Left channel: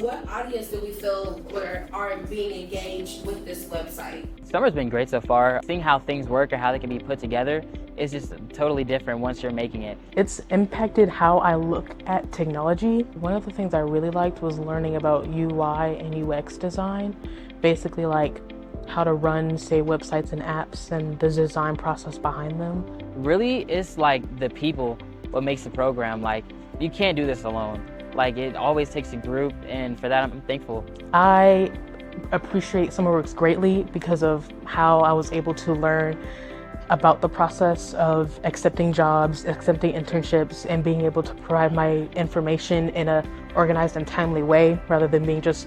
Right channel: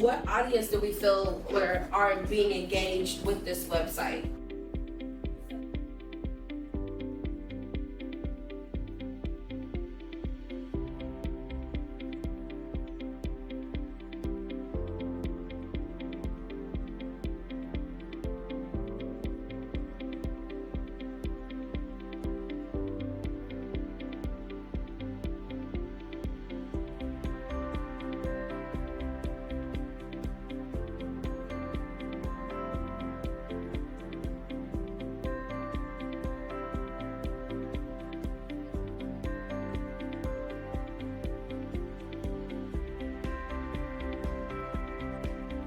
What audience do we feel are being engaged with this website? Summer's been great so far. Seeing how things work or how they can be put together is just totally different once you're making it. It's impacted how I look at technology. One of the things I really liked was learning about UI and UX design, basically like how to run, say, websites and apps and the design process behind them. Really, it's like the people what makes the program. Like, you can't do this alone. Like, it always takes a group, and for that, I'm thankful. I appreciate SummerWorks greatly because of how I was able to learn about the process of accepting jobs, accepting internships, and being able to provide my information in an organized and timely way rather than being just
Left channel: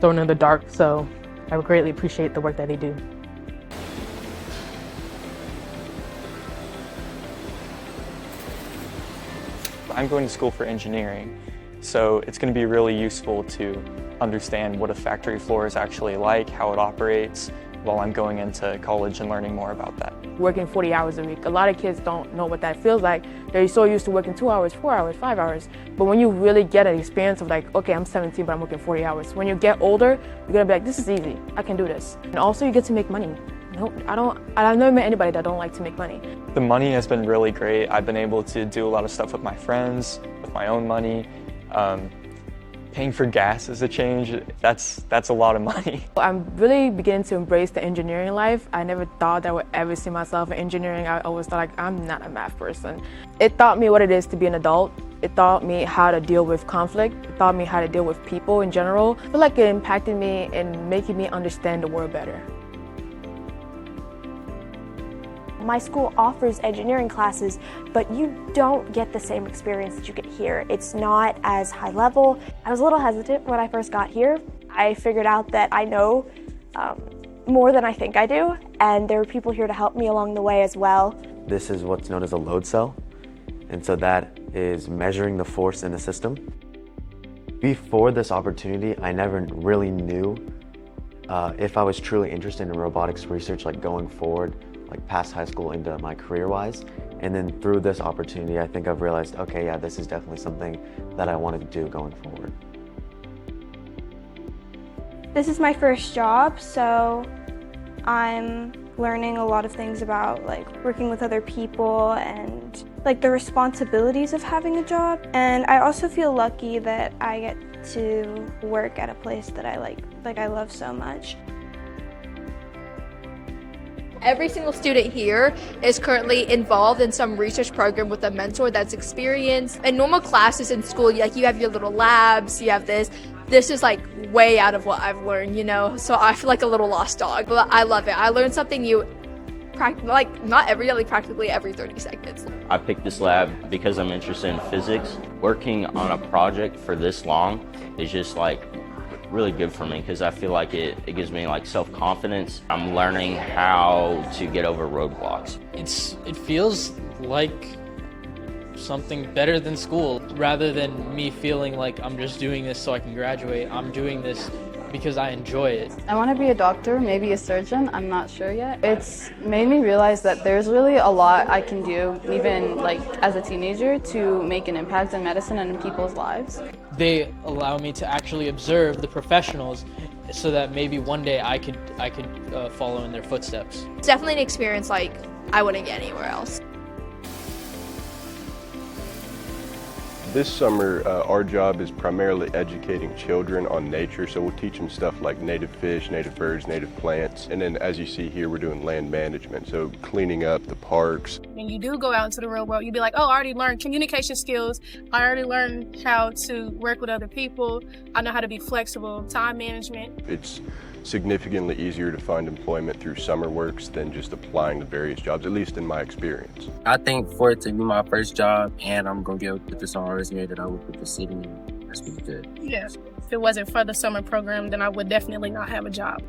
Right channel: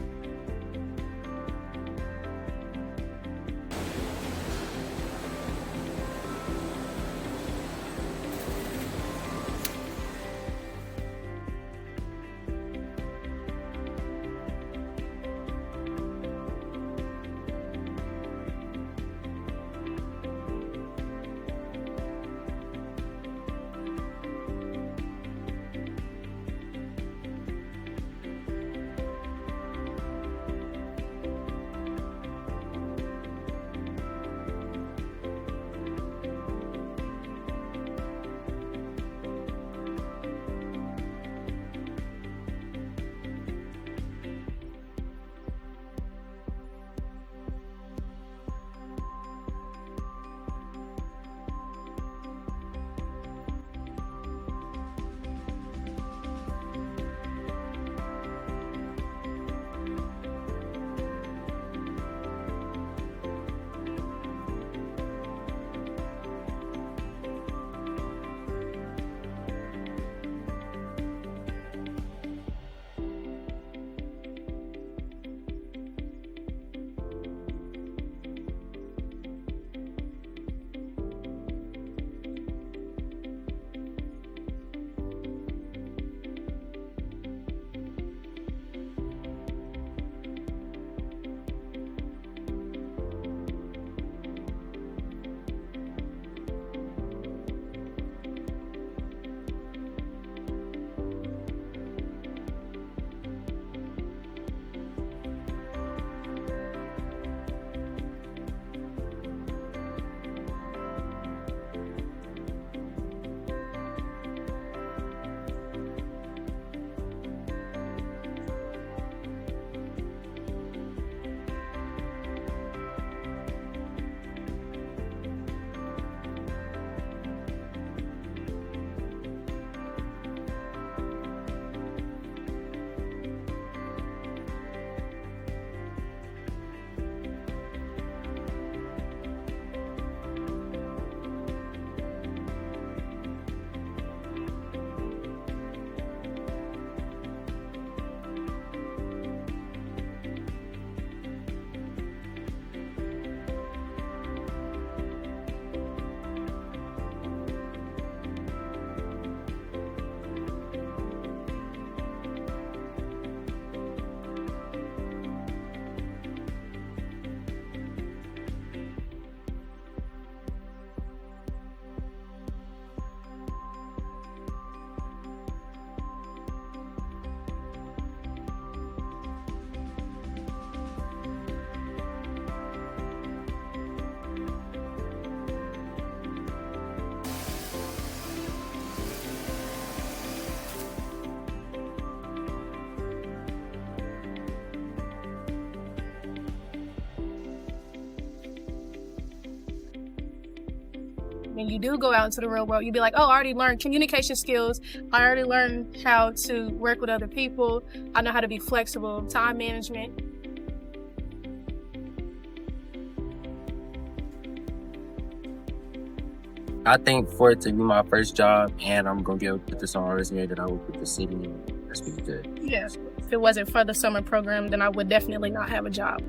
thrown in the dark. So I would greatly appreciate the work that they do. I'm going to school for engineering, so it's going to be really useful to understand what a factory floor is actually like, how it operates, while I'm going into college and learning more about that. Working 40 hours a week. A lot of kids don't know what that feels like. They're so used to working 2 hours, 4 hours, 5 hours. But when you really get an experience of like, okay, I'm 17, but I'm working 40 hours. When you get older, you're gonna be like, this is easy, I can do this. And also you get to make money. I've never met anybody that don't like to make money. The money has been really great. I've been able to do a lot of stuff with my friends, with my own money. Paying for gas is a change. That's a lot of money. I'm really beginning to embrace the engineering life. I never thought I would ever see myself in engineering. I always thought like, I'm not a math person. It taught me what it is to be an adult. It taught me how to deal with conflict. It taught me how to deal with people in general. I feel like it impacted me in making me understand the world better. My school offers engineering classes, but you don't get the same experience that you get here. It's not as high level. I was a little hesitant when I first got here. I figured out that I know more than I think I do, and there are people here to help me along the way as well. This is what's known as a load cell, and so that is measuring the force in the system. Before this opportunity, I never really knew if I was truly interested in robotics research, like going forward, like past high school into my career-wise. And then through this opportunity, I think I've realized, okay, yeah, this is definitely something that I wanted to do going forward. This is my first job, so I'm learning a lot of things about like working with other people and like the responsibilities of having a job. And I also feel lucky that I get to work at a place that I I love so much. Every single student here is currently involved in some research program with a mentor that's experienced. In normal classes in school, like you have your little labs, you have this. This is like way out of what I've learned, you know? So I feel like a little lost dog, but I love it. I learned something new, not every day, like practically every 30 seconds. I picked this lab because I'm interested in physics. Working on a project for this long is just like really good for me because I feel like it gives me like self-confidence. I'm learning how to get over roadblocks. It feels like something better than school. Rather than me feeling like I'm just doing this so I can graduate, I'm doing this because I enjoy it. I want to be a doctor, maybe a surgeon, I'm not sure yet. It's made me realize that there's really a lot I can do, even like as a teenager, to make an impact in medicine and in people's lives. They allow me to actually observe the professionals so that maybe one day I could follow in their footsteps. It's definitely an experience like I wouldn't get anywhere else. This summer, our job is primarily educating children on nature, so we'll teach them stuff like native fish, native birds, native plants, and then as you see here, we're doing land management, so cleaning up the parks. When you do go out into the real world, you'll be like, oh, I already learned communication skills, I already learned how to work with other people, I know how to be flexible, time management. It's significantly easier to find employment through SummerWorks than just applying to various jobs, at least in my experience. I think for it to be my first job and I'm going to be able to put this on my resume that I work with the city, that's pretty good. Yeah, if it wasn't for the summer program, then I would definitely not have a job.